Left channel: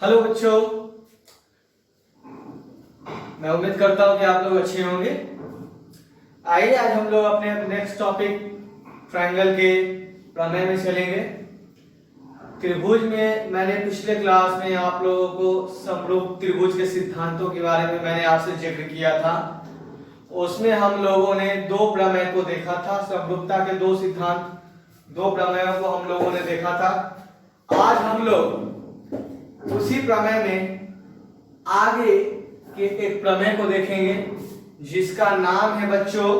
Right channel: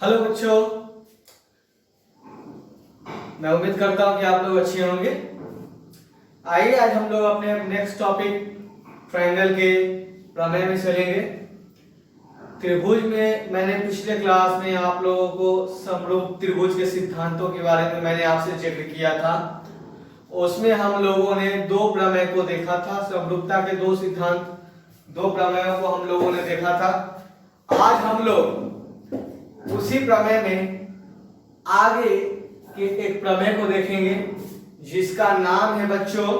Hello बच्चों, मैं उम्मीद करता हूं कि आप लोग अच्छे होंगे। आइए आज हम लोग अपने नेक्स्ट टॉपिक ट्रायंगल के प्रमेय में चलेंगे। त्रिभुज में मैंने पिछले क्लास में आप लोगों को समरूप त्रिभुज के सिद्धांतों के बारे में मैंने आपसे जिक्र किया था। उसमें हम लोगों ने दो प्रमेय को देखा था, समरूपता के दो सिद्धांत, दो प्रमेयों को हम लोगों ने देखा था। आज हम लोग उसी प्रमेय में आगे के एक प्रमेय को देखेंगे जिसका नाम है बच्चों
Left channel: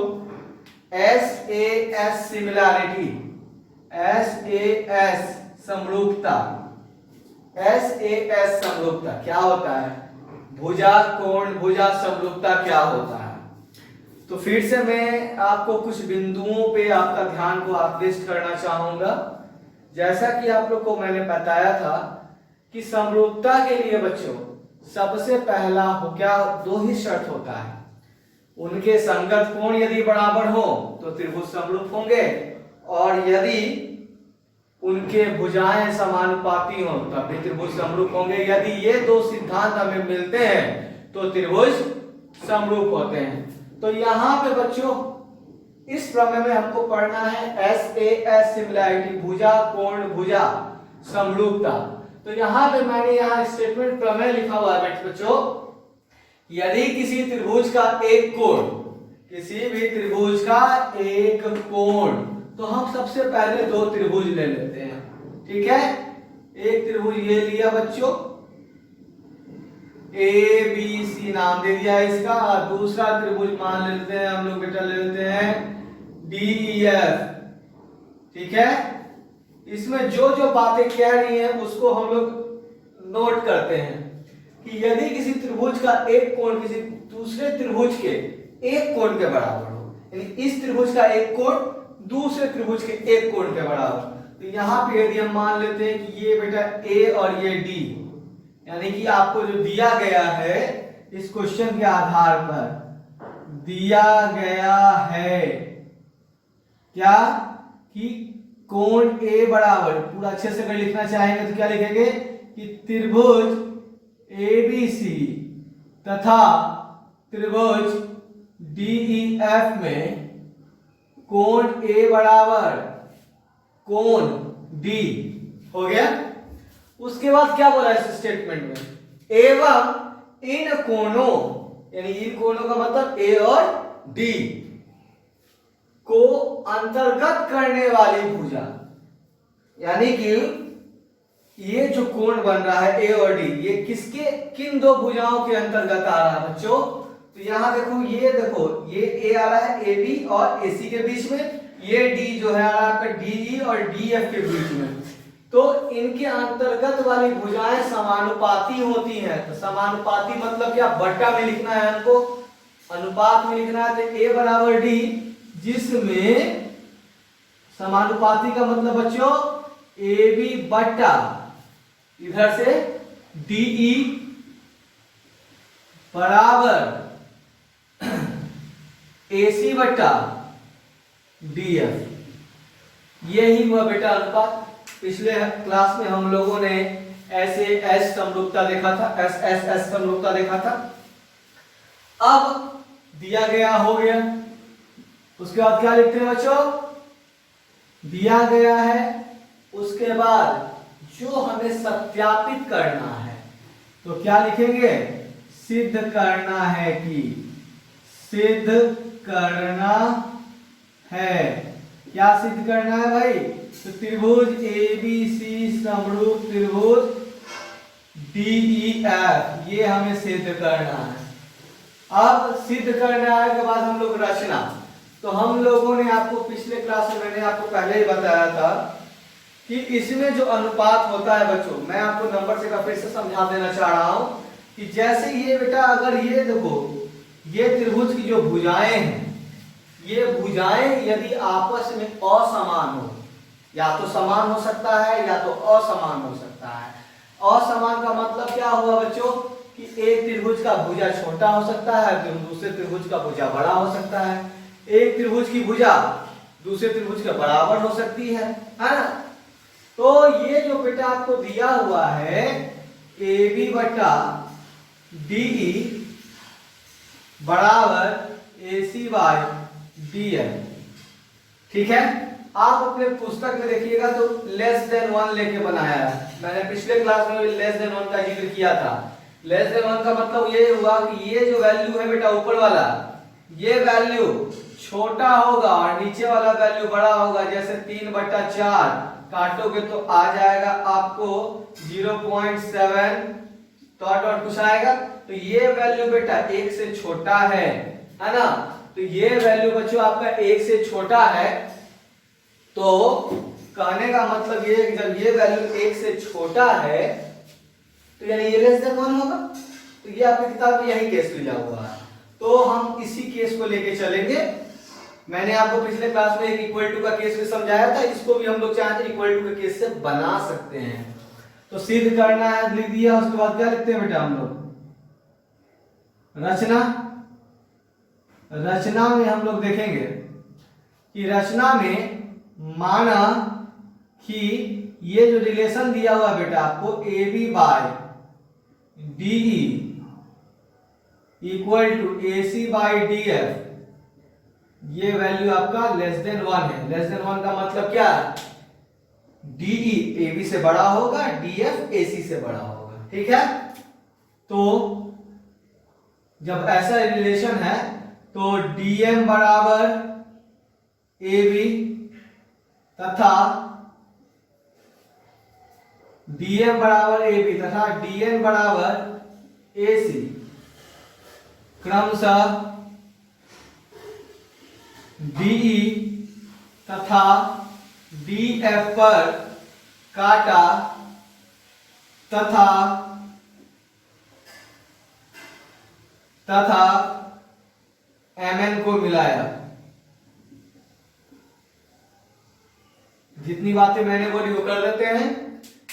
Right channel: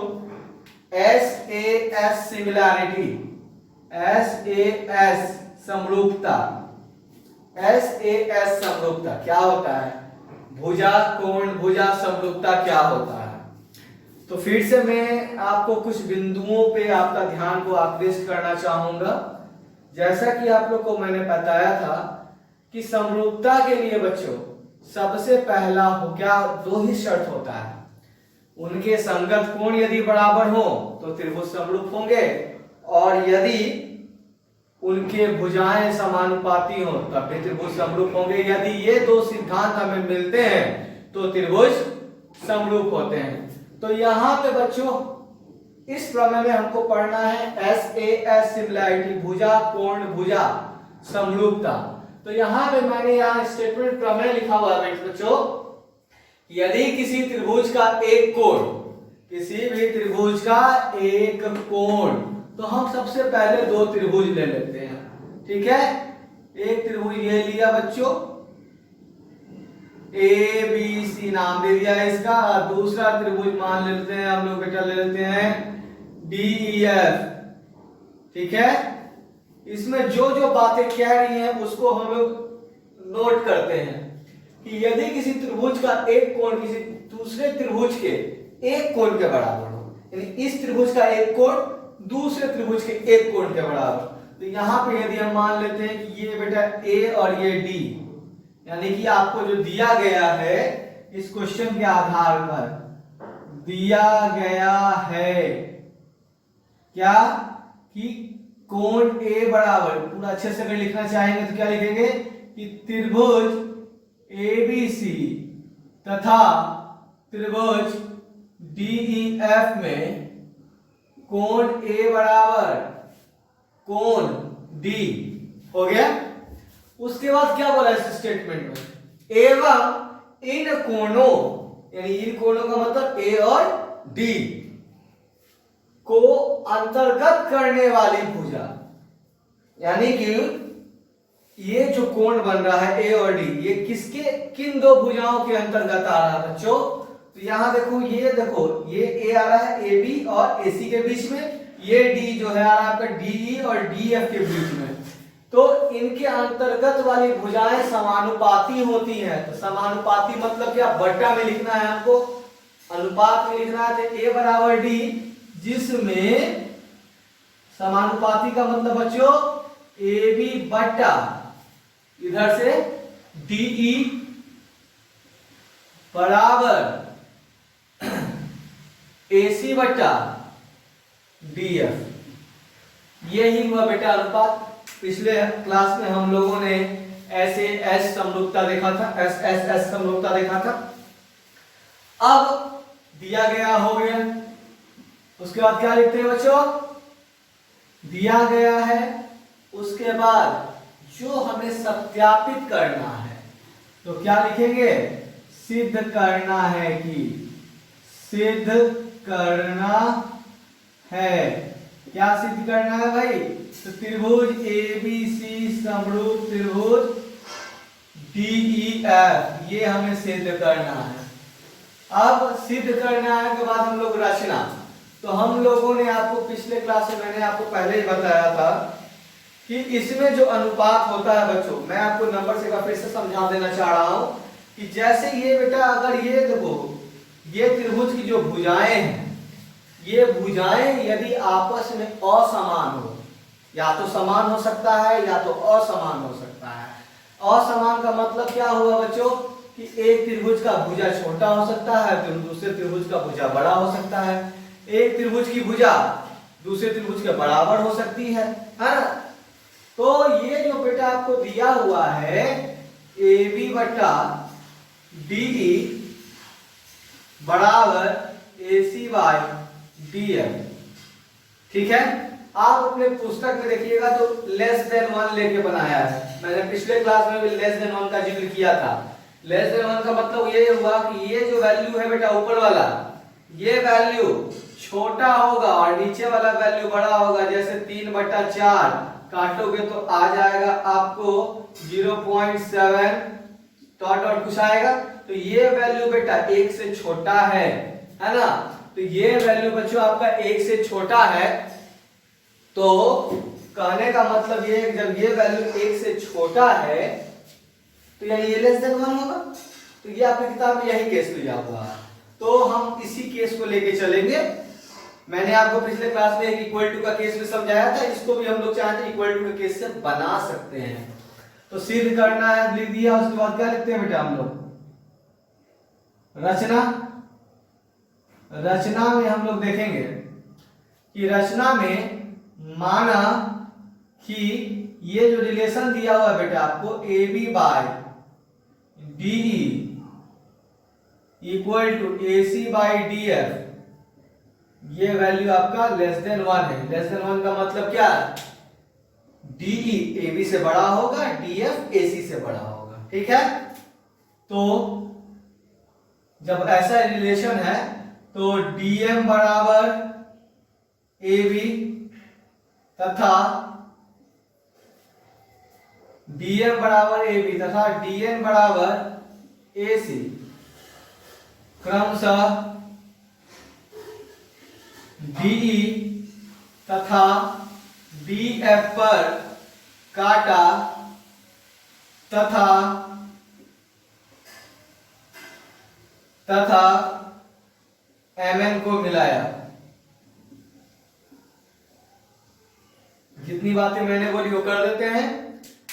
SAS सिमिलैरिटी, SAS समरूपता। SAS समरूपता क्या होता है? भुजा कोण भुजा समरूपता क्या होता है? तो फिर से मैं आपको कुछ बिंदुओं पे आपका ध्यान को आकृष्ट करना चाहूंगा। जैसा कि आप लोग को मैंने बताया था कि समरूपता के लिए बच्चों सबसे पहला हो क्या, दो ही शर्त होता है। उनके संगत कोण यदि बराबर हो तो त्रिभुज समरूप होंगे, और यदि उनके भुजाएं समानुपाती हो तब भी त्रिभुज समरूप होंगे। यदि ये दो सिद्धांत हमें मिलते हैं तो त्रिभुज समरूप होते हैं। तो यहाँ पे बच्चों इस प्रमेय में हमको पढ़ना है SAS सिमिलैरिटी, भुजा कोण भुजा समरूपता। तो यहाँ पे मैंने यहाँ स्टेटमेंट प्रमेय लिखा हुआ है बच्चों, यदि किसी त्रिभुज का एक कोण, किसी भी त्रिभुज का एक कोण, तो हम सबसे पहले दो त्रिभुज ले लेते हैं। ठीक है, एक त्रिभुज ये लिया बच्चों, ABC नाम दे दिया इसका। दूसरा त्रिभुज मान लेते हैं हम लोग बेटा, ले लेते हैं DEF। ठीक है, इसमें जो जो बातें कह रही हैं उसको हम लोग नोट करते हैं कि यदि किसी त्रिभुज का एक कोण किसी दूसरे त्रिभुज के एक कोण के बराबर हो, यानी इस त्रिभुज का एक कोण दूसरे त्रिभुज के एक कोण के बराबर, तो यहां पे यदि हम मान लेते हैं कि ये बेटा A और ये D, यानी कि आपको जो दिया गया है इस क्वेश्चन के आधार पर दिया गया है क्या कि कोण A बराबर, पूरा अच्छे से अगर लिखना चाहेंगे तो क्या लिखेंगे कि त्रिभुज ABC तथा त्रिभुज DEF में कोण A बराबर कोण D हो गया। उसके बाद क्या बोला इस स्टेटमेंट में, एवं इन कोणों, यानी इन कोणों का मतलब A और D को अंतर्गत करने वाली भुजा, यानी कि ये जो कोण बन रहा है A और D, ये किसके किन दो भुजाओं के अंतर्गत आ रहा है बच्चों? तो यहां देखो, ये देखो ये A आ रहा है AB और AC के बीच में, ये D जो है आ रहा है आपका DE और DF के बीच में। तो इनके अंतर्गत वाली भुजाएं समानुपाती होती हैं। तो समानुपाती मतलब क्या, बट्टा में लिखना है हमको, अनुपात में लिखना है। तो A बराबर D, जिसमें समानुपाती का मतलब बच्चों AB बट्टा इधर से DE बराबर AC बट्टा DF, यही हुआ बेटा अनुपात। पिछले क्लास में हम लोगों ने SAS समरूपता देखा था, SSS समरूपता देखा था। अब दिया गया हो गया, उसके बाद क्या लिखते हैं बच्चों, दिया गया है, उसके बाद जो हमें सत्यापित करना है तो क्या लिखेंगे, सिद्ध करना है कि, सिद्ध करना है, क्या सिद्ध करना है भाई, तो त्रिभुज ABC समरूप त्रिभुज DEF, ये हमें सिद्ध करना है। अब सिद्ध करना है के बाद हम लोग रचना, तो हम लोगों ने आपको पिछले क्लास में मैंने आपको पहले ही बताया था कि इसमें जो अनुपात होता है बच्चों, मैं आपको नंबर से का फिर से समझा देना चाह रहा हूं कि जैसे ये बेटा, अगर ये देखो ये त्रिभुज की जो भुजाएं हैं, ये भुजाएं यदि आपस में असमान हो, या तो समान हो सकता है या तो असमान हो सकता है। असमान का मतलब क्या हुआ बच्चों कि एक त्रिभुज का भुजा छोटा हो सकता है तो दूसरे त्रिभुज का भुजा बड़ा हो सकता है। एक त्रिभुज की भुजा दूसरे त्रिभुज के बराबर हो सकती है ना। तो ये जो बेटा आपको दिया हुआ है ए बी बटा डी ई बराबर ए सी बाई डी एम। ठीक है, आप अपने पुस्तक में देखिएगा तो लेस देन 1 लेके बनाया है। मैंने पिछले क्लास में भी लेस देन 1 का जिक्र किया था। लेस देन 1 का मतलब ये हुआ कि ये जो वैल्यू है बेटा ऊपर वाला, ये वैल्यू छोटा होगा और नीचे वाला वैल्यू बड़ा होगा। जैसे 3/4 काटोगे तो आ जाएगा आपको 0.7 डॉट कुछ आएगा। तो ये वैल्यू बेटा 1 से छोटा है ना। तो ये वैल्यू बच्चों आपका 1 से छोटा है, तो कहने का मतलब ये कि जब ये वैल्यू 1 से छोटा है तो यानी ये लेस देन 1 होगा। तो ये आपकी किताब में यही केस लिया हुआ है, तो हम इसी केस को लेके चलेंगे। मैंने आपको पिछले क्लास में एक इक्वल टू का केस भी समझाया था, इसको भी हम लोग चाहते हैं इक्वल टू के केस से बना सकते हैं। तो सिद्ध करना है, लिख दिया, उसके बाद क्या लिखते हैं बेटा हम लोग रचना। रचना में हम लोग देखेंगे कि रचना में माना कि ये जो रिलेशन दिया हुआ है बेटा आपको A B by D equal to A C by D F, ये वैल्यू आपका लेस देन 1 है। लेस देन 1 का मतलब क्या है, डीई ए बी से बड़ा होगा, डीएफ ए सी से बड़ा होगा। ठीक है, तो जब ऐसा रिलेशन है तो डीएम बराबर ए बी तथा डीएम बराबर ए बी तथा डीएन बराबर ए सी क्रमशः डीई तथा डीएफ पर काटा तथा एमएन को मिलाया। जितनी बातें मैंने बोली वो कर देते हैं।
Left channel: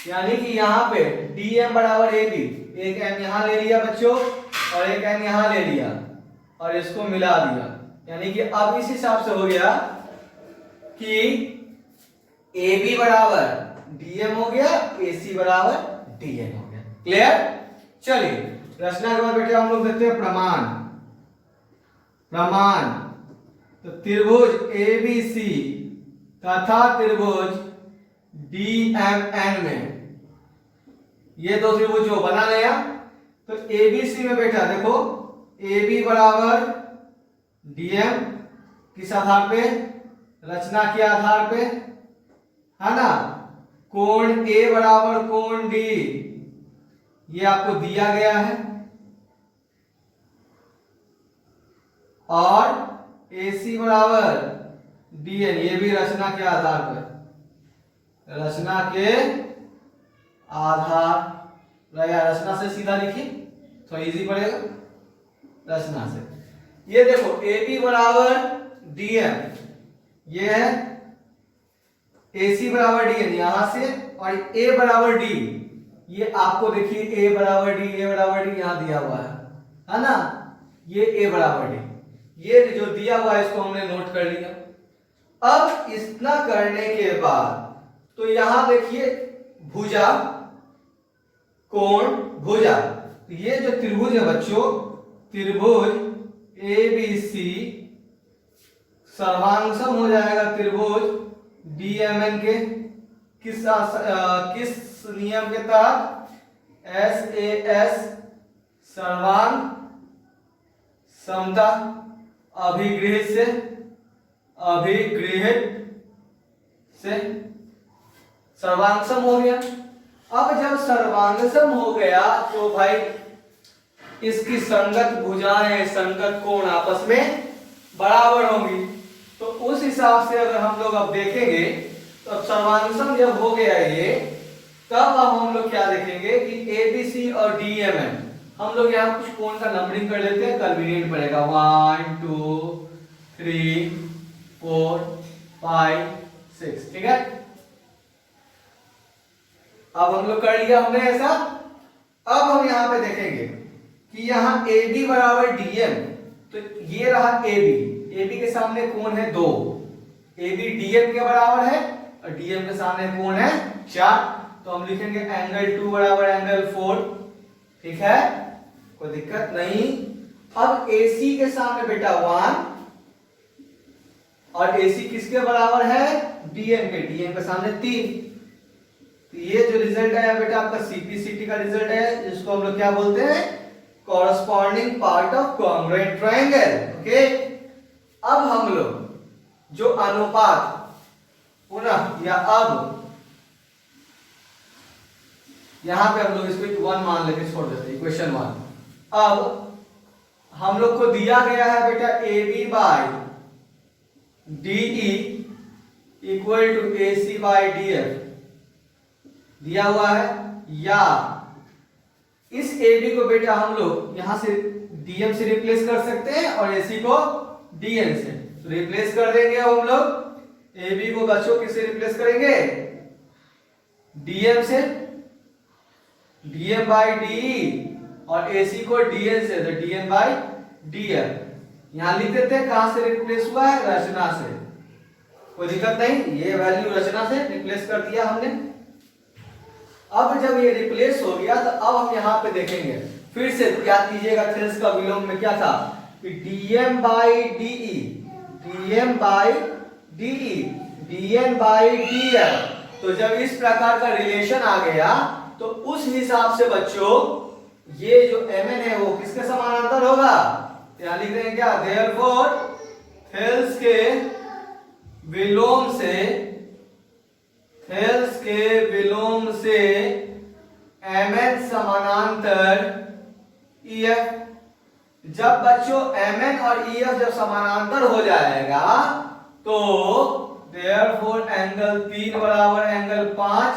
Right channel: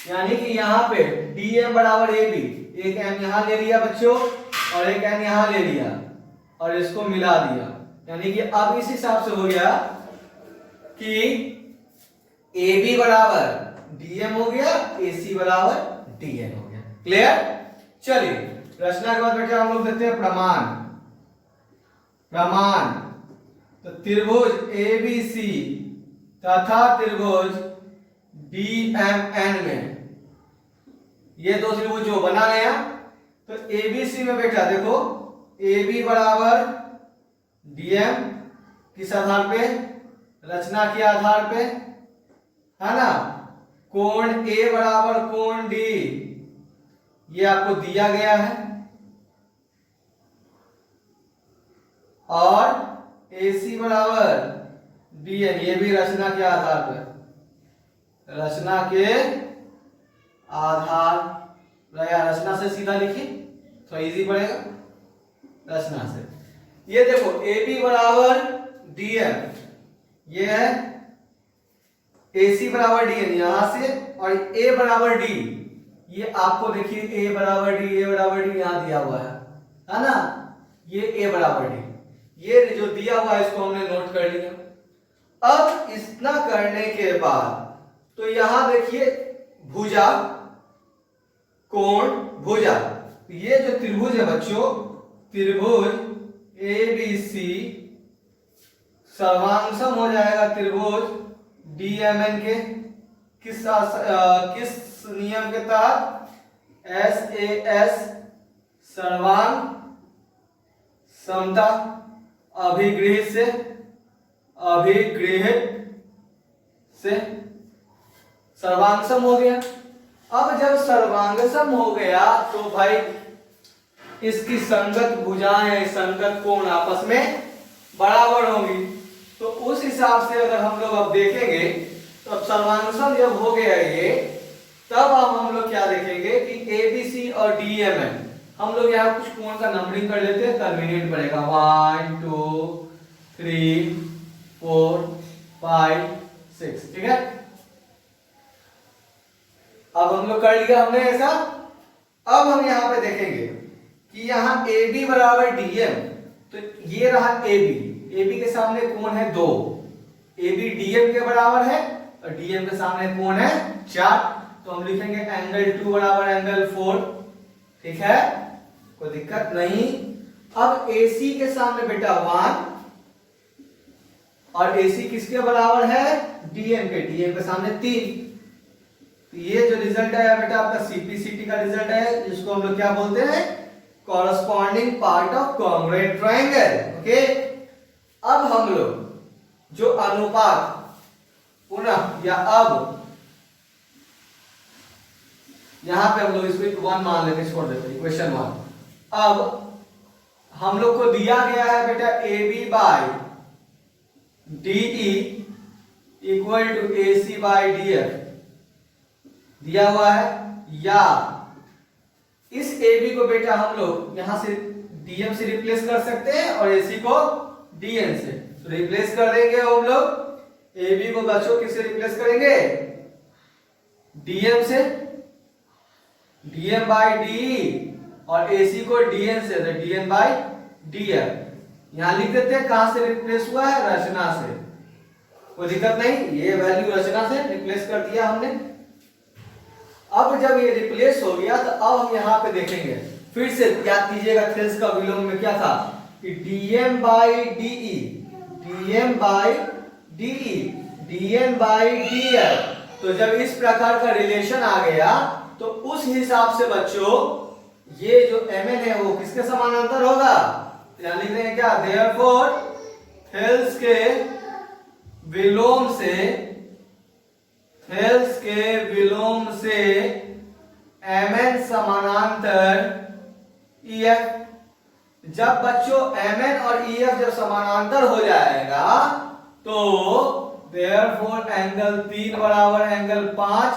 यानी कि यहाँ पे डीएम बराबर ए बी, एक एम यहां ले लिया बच्चों और एक एम यहां ले लिया और इसको मिला दिया। यानी कि अब इस हिसाब से हो गया कि ए बी बराबर डीएम हो गया, ए सी बराबर डीएन हो गया। क्लियर? चलिए रचना के बाद बेटे हम लोग देखते हैं प्रमाण। प्रमाण तो त्रिभुज ए बी सी तथा त्रिभुज डीएमएन में ये दो त्रिभुज जो बना गया, तो एबीसी में बेटा देखो ए बी बराबर डीएम किस आधार पे, रचना के आधार पे, है ना। कोण ए बराबर कोण डी ये आपको दिया गया है और एसी बराबर डीएन ये भी रचना के आधार पर, रचना के आधार रहेगा। रचना से सीधा लिखिए तो इजी पड़ेगा। रचना से ये देखो ए बी बराबर डीएम ये है, AC बराबर डी यहां से, और A बराबर डी ये आपको देखिए A बराबर डी, A बराबर डी यहां दिया हुआ है ना। ये A बराबर डी ये जो दिया हुआ है इसको हमने नोट कर लिया। अब इतना करने के बाद तो यहां देखिए भुजा, कोण, भुजा, ये जो त्रिभुज है बच्चों, त्रिभुज ABC सर्वांगसम हो जाएगा त्रिभुज डीएमएन के किस नियम के तहत, SAS सर्वांग समता अभिगृहित से सर्वांगसम हो गया। अब जब सर्वांगसम हो गया तो भाई इसकी संगत भुजाएं, संगत कोण आपस में बराबर होंगी। तो उस हिसाब से अगर हम लोग अब देखेंगे तो अब सर्वांगसम जब हो गया ये, तब अब हम लोग क्या देखेंगे कि ABC और DMN हम लोग यहाँ कुछ कोण का नंबरिंग कर लेते हैं, कन्वीनियंट पड़ेगा। 1 2 3 4 5 6, ठीक है। अब हम लोग कर लिया हमने ऐसा। अब हम यहाँ पे देखेंगे कि यहाँ AB बराबर DM, तो ये रहा AB के सामने कोण है 2, AB DM के बराबर है और DM के सामने कोण है 4। तो हम लिखेंगे एंगल 2 बराबर एंगल 4। ठीक है, कोई दिक्कत नहीं। अब AC के सामने बेटा 1 और AC किसके बराबर है, DM के, DM के सामने 3। तो ये जो रिजल्ट आया बेटा आपका CPCT का रिजल्ट है, जिसको हम लोग क्या बोलते हैं, corresponding part of congruent triangle. Okay, अब हम लोग जो अनुपात पुनः या अब यहां पे हम लोग इसको 1 मान लेंगे, छोड़ देते हैं इक्वेशन 1। अब हम लोग को दिया गया है बेटा AB by DE equal to AC by DF दिया हुआ है, या इस AB को बेटा हम लोग यहां से DM से रिप्लेस कर सकते हैं और AC को DM से। तो रिप्लेस कर देंगे हम लोग, AB को बच्चों किससे रिप्लेस करेंगे, DM से, DM बाई DE और AC को DN से, तो DN बाई DF। यहां लिख देते हैं कहां से रिप्लेस हुआ है, रचना से, कोई दिक्कत नहीं, ये वैल्यू रचना से रिप्लेस कर दिया हमने। अब जब ये रिप्लेस हो गया तो अब हम यहां पे देखेंगे, फिर से याद कीजिएगा थेल्स का विलोम में क्या था कि DM by DE, DM by DE, DN by DF। तो जब इस प्रकार का रिलेशन आ गया तो उस हिसाब से बच्चों ये जो Mn है वो किसके समानांतर होगा, यहां लिख देंगे क्या, देयरफॉर थेल्स के विलोम से, थेल्स के विलोम से Mn समानांतर EF। जब बच्चों Mn और EF जब समानांतर हो जाएगा तो देयरफॉर एंगल 3 बराबर एंगल 5,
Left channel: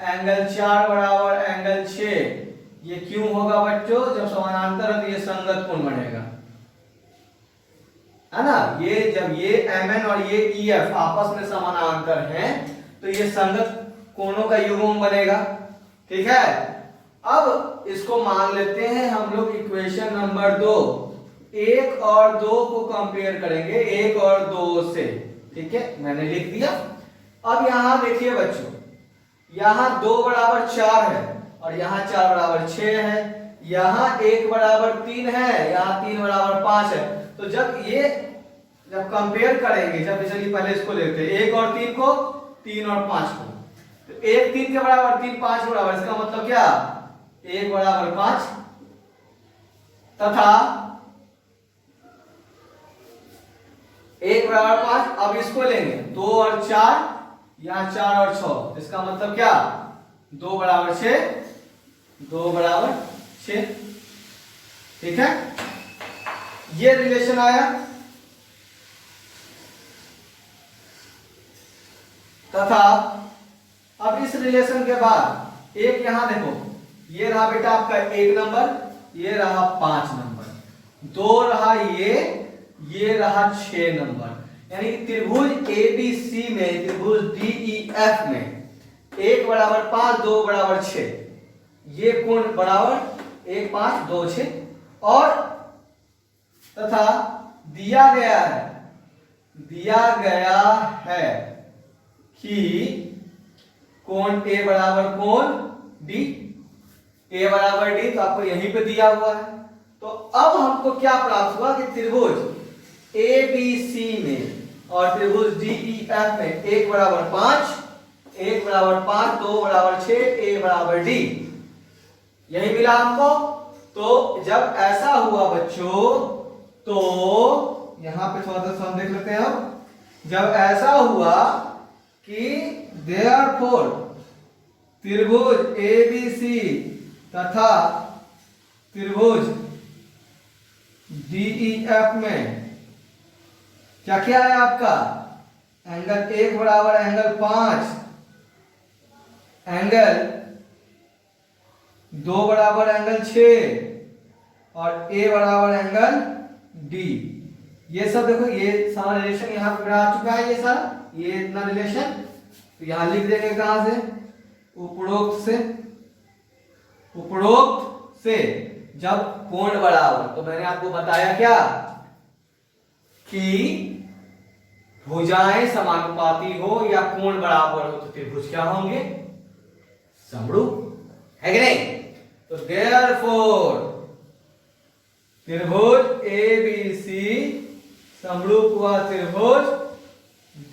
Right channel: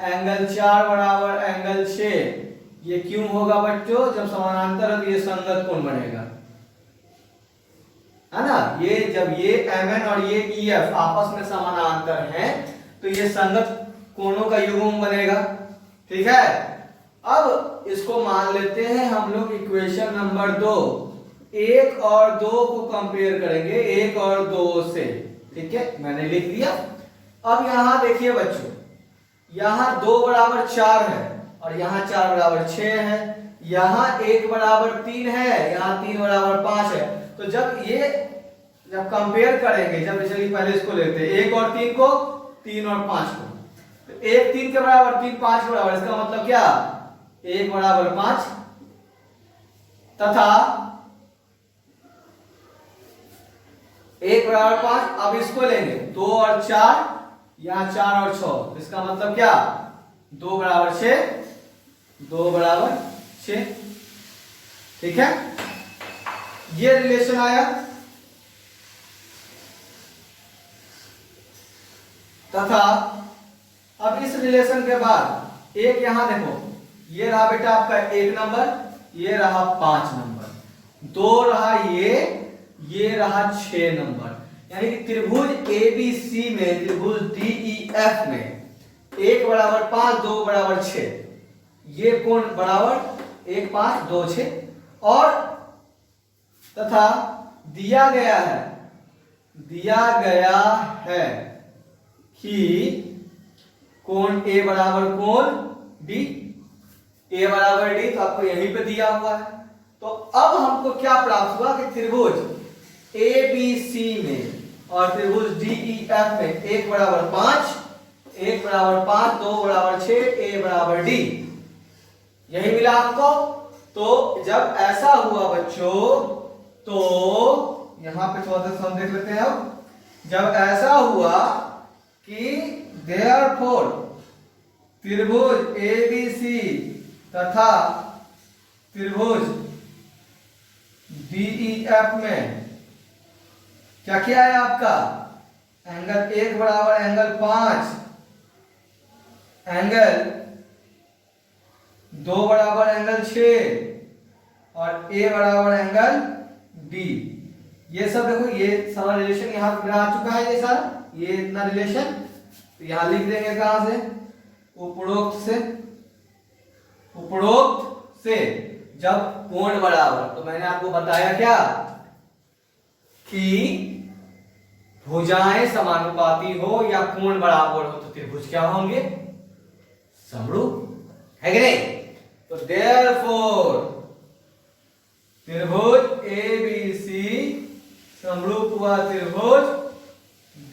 एंगल 4 बराबर एंगल 6। ये क्यों होगा बच्चों, जब समानांतर है तो ये संगत कोण बनेगा, है ना। ये जब ये Mn और ये EF आपस में समानांतर हैं तो ये संगत कोणों का युग्म बनेगा। ठीक है, अब इसको मान लेते हैं हम लोग इक्वेशन नंबर 2, 1 और 2 को कंपेयर करेंगे 1 और 2 से। ठीक है, मैंने लिख दिया। अब यहां देखिए बच्चों, यहां 2 बराबर 4 है और यहां 4 बराबर 6 है, यहां 1 बराबर 3 है, यहां 3 बराबर 5 है। तो जब कंपेयर करेंगे, जब चलिए पहले इसको लेते हैं 1 और 3 को, 3 और 5 को, तो 1 3 के बराबर, 3 5 के बराबर, इसका मतलब क्या, 1 बराबर 5 तथा 1 बराबर 5। अब इसको लेंगे 2 और 4, यहां 4 और 6, इसका मतलब क्या, 2 बराबर 6, 2 बराबर 6। ठीक है, ये रिलेशन आया। तथा अब इस रिलेशन के बाद एक यहां देखो, ये रहा बेटा आपका 1 नंबर, ये रहा 5 नंबर, 2 रहा ये रहा 6 नंबर। यानी कि त्रिभुज ABC में, त्रिभुज DEF में 1 बराबर 5, 2 बराबर 6, ये कोण बराबर 1 5 2 6। और तथा दिया गया है कि कोण A बराबर कोण D, A बराबर D, तो आपको यहीं पे दिया हुआ है। तो अब हमको क्या प्राप्त हुआ कि त्रिभुज ABC में और त्रिभुज DEF में 1 बराबर 5, 1 बराबर 5, 2 बराबर 6, A बराबर D, यही मिला हमको। तो जब ऐसा हुआ बच्चों, तो यहां पे थोड़ा सा हम देख लेते हैं। अब जब ऐसा हुआ कि देयरफॉर त्रिभुज ABC तथा त्रिभुज DEF में क्या क्या है आपका, एंगल 1 बराबर एंगल 5, एंगल 2 बराबर एंगल 6 और A बराबर एंगल D। ये सब देखो, ये सारा रिलेशन यहां पर आ चुका है, ये सारा, ये इतना रिलेशन। तो यहां लिख देंगे कहां से, उपरोक्त से जब कोण बराबर, तो मैंने आपको बताया क्या कि भुजाएं समानुपाती हो या कोण बराबर हो तो त्रिभुज क्या होंगे, समरूप है कि नहीं? तो देयरफॉर त्रिभुज एबीसी समरूप हुआ त्रिभुज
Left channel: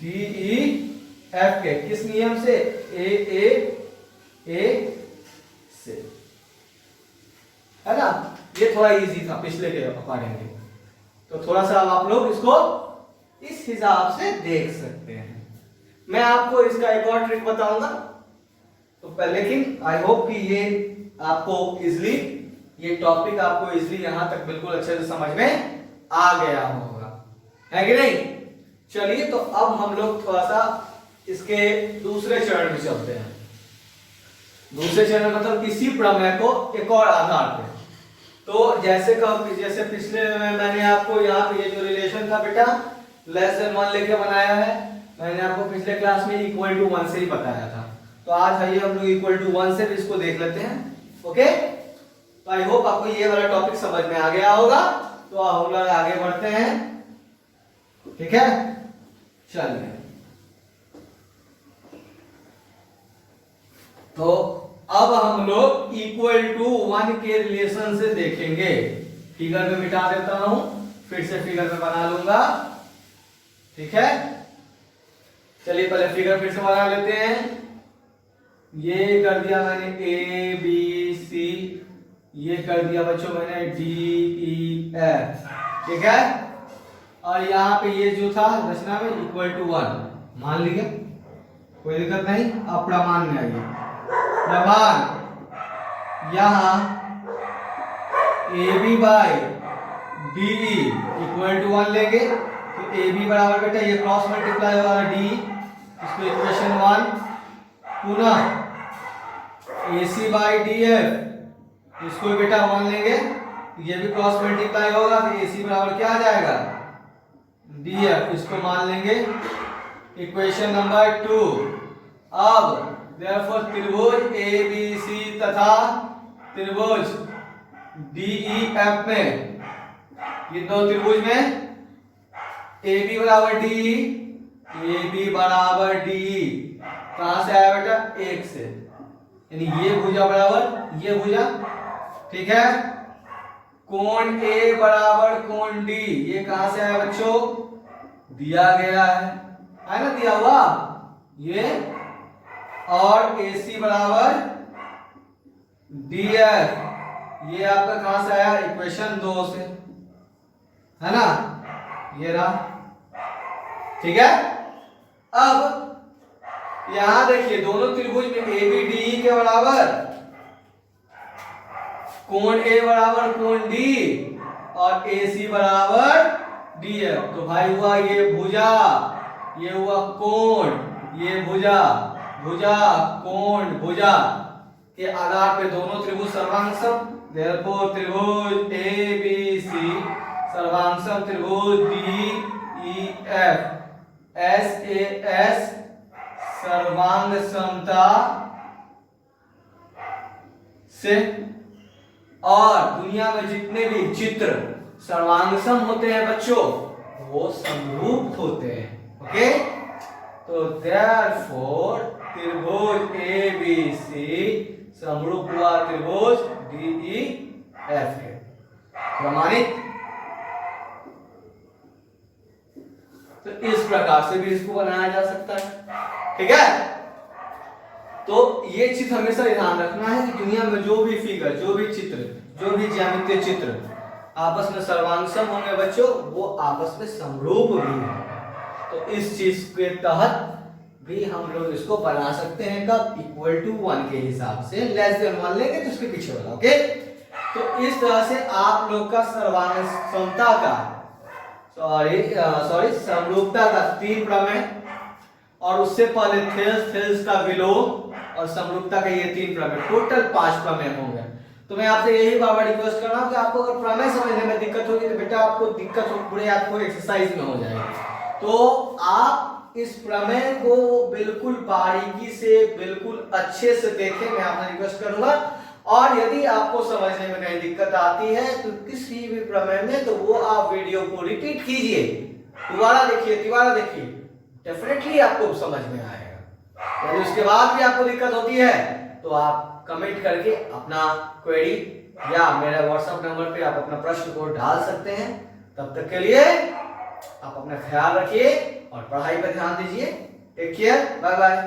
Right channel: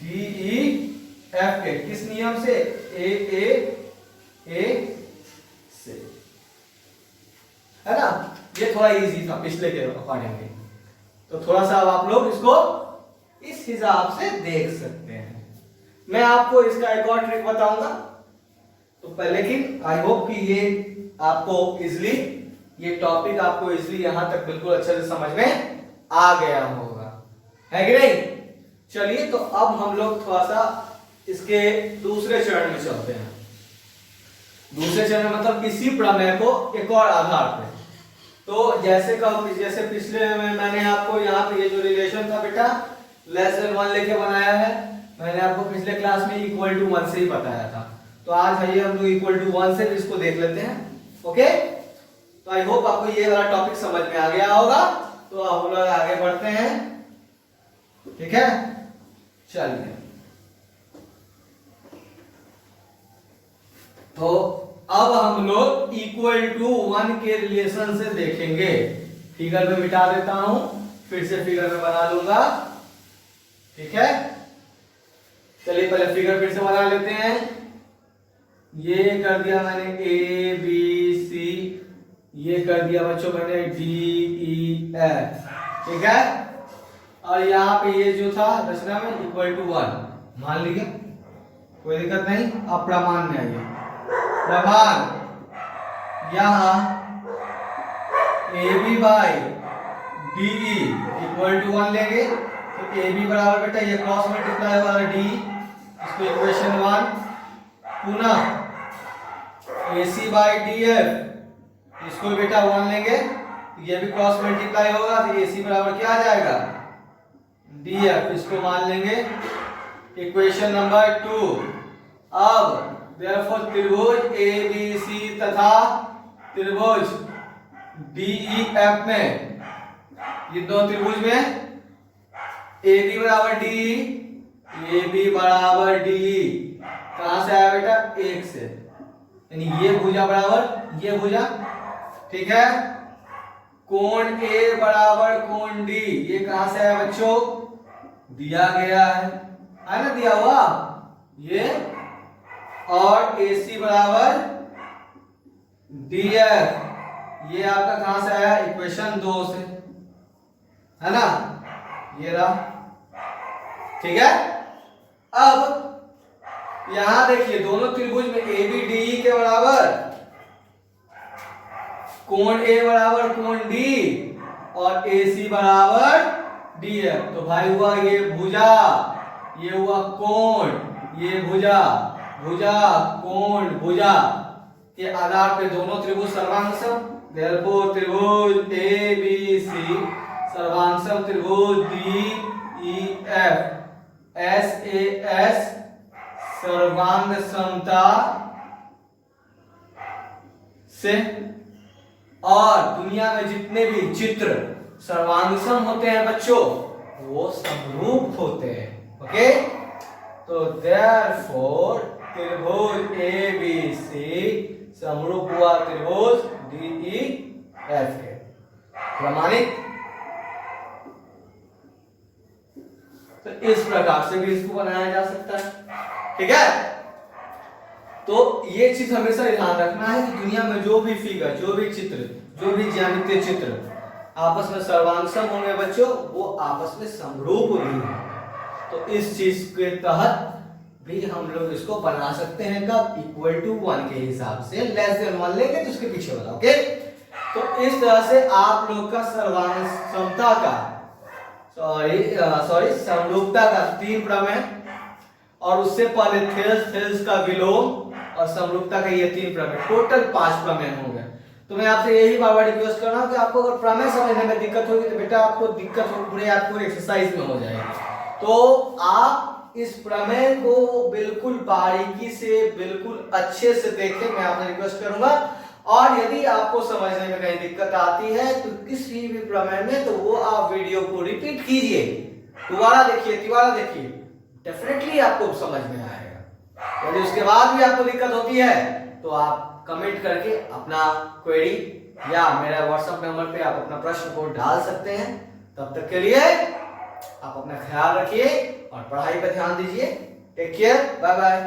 डीईएफ के किस नियम से? ए से, है ना? ये थोड़ा इजी था पिछले के अकॉर्डिंगली, तो थोड़ा सा अब आप लोग इसको इस हिसाब से देख सकते हैं। मैं आपको इसका एक और ट्रिक बताऊंगा, तो पहले लेकिन आई होप कि ये आपको इजली, ये टॉपिक आपको इजली यहां तक बिल्कुल अच्छे से समझ में आ गया होगा, है कि नहीं? चलिए, तो अब हम लोग थोड़ा सा इसके दूसरे चरण में चलते हैं। दूसरे चरण मतलब इसी प्रमेय को एक और आधार पे। तो जैसे पिछले में मैंने आपको यहाँ पे ये जो रिलेशन था बेटा लेस देन 1 लेके बनाया है, मैंने आपको पिछले क्लास में इक्वल टू 1 से ही बताया था। तो आज आइए हम लोग इक्वल टू 1 से भी इसको देख लेते हैं। ओके, तो आई होप आपको ये वाला टॉपिक समझ में आ गया होगा। तो हम लोग आगे बढ़ते हैं, ठीक है? चलिए, तो अब हम लोग इक्वल टू 1 के रिलेशन से देखेंगे। फिगर में मिटा देता हूं, फिर से फिगर में बना लूंगा, ठीक है? चलिए पहले फिगर फिर से बना लेते हैं। ये कर दिया मैंने ए बी सी, ये कर दिया बच्चों मैंने डी ई एफ, ठीक है? और यहाँ पे ये जो था रचना में इक्वल टू 1 मान लिया, कोई दिक्कत नहीं। अब प्रमाण में आइए। प्रमाण यहां A B by D equal to 1 लेंगे, तो ए बी बराबर बेटा ये क्रॉस मल्टीप्लाई होगा डी, इसको इक्वेशन 1। पुनः A C by D F, इसको बेटा 1 लेंगे, ये भी क्रॉस मल्टीप्लाई होगा, तो ए सी बराबर क्या आ जाएगा? डी एफ, इसको मान लेंगे इक्वेशन नंबर 2। अब देयरफॉर त्रिभुज ए बी सी तथा त्रिभुज डी ई एफ में, ये दो त्रिभुज में ए बी बराबर डी, ए बी बराबर डी, कहां से आया बेटा? 1 से, यानी ये भुजा बराबर ये भुजा, ठीक है? कोण ए बराबर कोण डी, ये कहां से आया बच्चों? दिया गया है ना, दिया हुआ ये। और ए सी बराबर डी एफ, ये आपका कहां से आया? इक्वेशन 2 से, है ना? ये रहा, ठीक है? अब यहां देखिए दोनों त्रिभुज में ए बी डी ई के बराबर, कोण ए बराबर कोण डी और ए सी बराबर डी एफ, तो भाई हुआ ये भुजा, ये हुआ कोण, ये भुजा, भुजा कोण भुजा के आधार पे दोनों त्रिभुज सर्वांगसम। देयरफॉर त्रिभुज ए बी सी सर्वांगसम त्रिभुज D E F S A S सर्वांग समता से। और दुनिया में जितने भी चित्र सर्वांगसम होते हैं बच्चों, वो समरूप होते हैं। ओके, तो देयरफॉर त्रिभुज ए बी सी समरूप हुआ त्रिभुज डी ई एफ है, प्रमाणित। तो इस प्रकार से भी इसको बनाया जा सकता है, ठीक है? तो ये चीज हमेशा ध्यान रखना है कि दुनिया में जो भी फिगर, जो भी चित्र, जो भी ज्यामितीय चित्र आपस में सर्वांगसम होंगे बच्चों, वो आपस में समरूप भी है। तो इस चीज के तहत भी हम लोग इसको बना सकते हैं कब? इक्वल टू 1 के हिसाब से। लेस देन 1 लेंगे तो उसके पीछे वाला, ओके? तो इस तरह से आप लोग का सर्वांगसमता का समरूपता का 3 प्रमेय, और उससे पहले थेल्स का विलोम और समरूपता का ये 3 प्रमेय, टोटल 5 प्रमेय हो गए। तो मैं आपसे यही बार बार रिक्वेस्ट कर रहा हूं कि आपको अगर प्रमेय समझने में दिक्कत होगी तो बेटा आपको दिक्कत पूरे आपको एक्सरसाइज में हो जाएगी। तो आप इस प्रमेय को बिल्कुल बारीकी से, बिल्कुल अच्छे से देखें, मैं आपसे रिक्वेस्ट करूंगा। और यदि आपको समझने में कहीं दिक्कत आती है तो किसी भी प्रमेय में, तो वो आप वीडियो को रिपीट कीजिए, दोबारा देखिए, डेफिनेटली आपको समझ में आएगा। यदि उसके बाद भी आपको दिक्कत होती है तो आप कमेंट करके अपना क्वेरी या मेरा व्हाट्सएप नंबर पे आप अपना प्रश्न को डाल सकते हैं। तब तक के लिए आप अपना ख्याल रखिए और पढ़ाई पर ध्यान दीजिए। Take care, bye bye.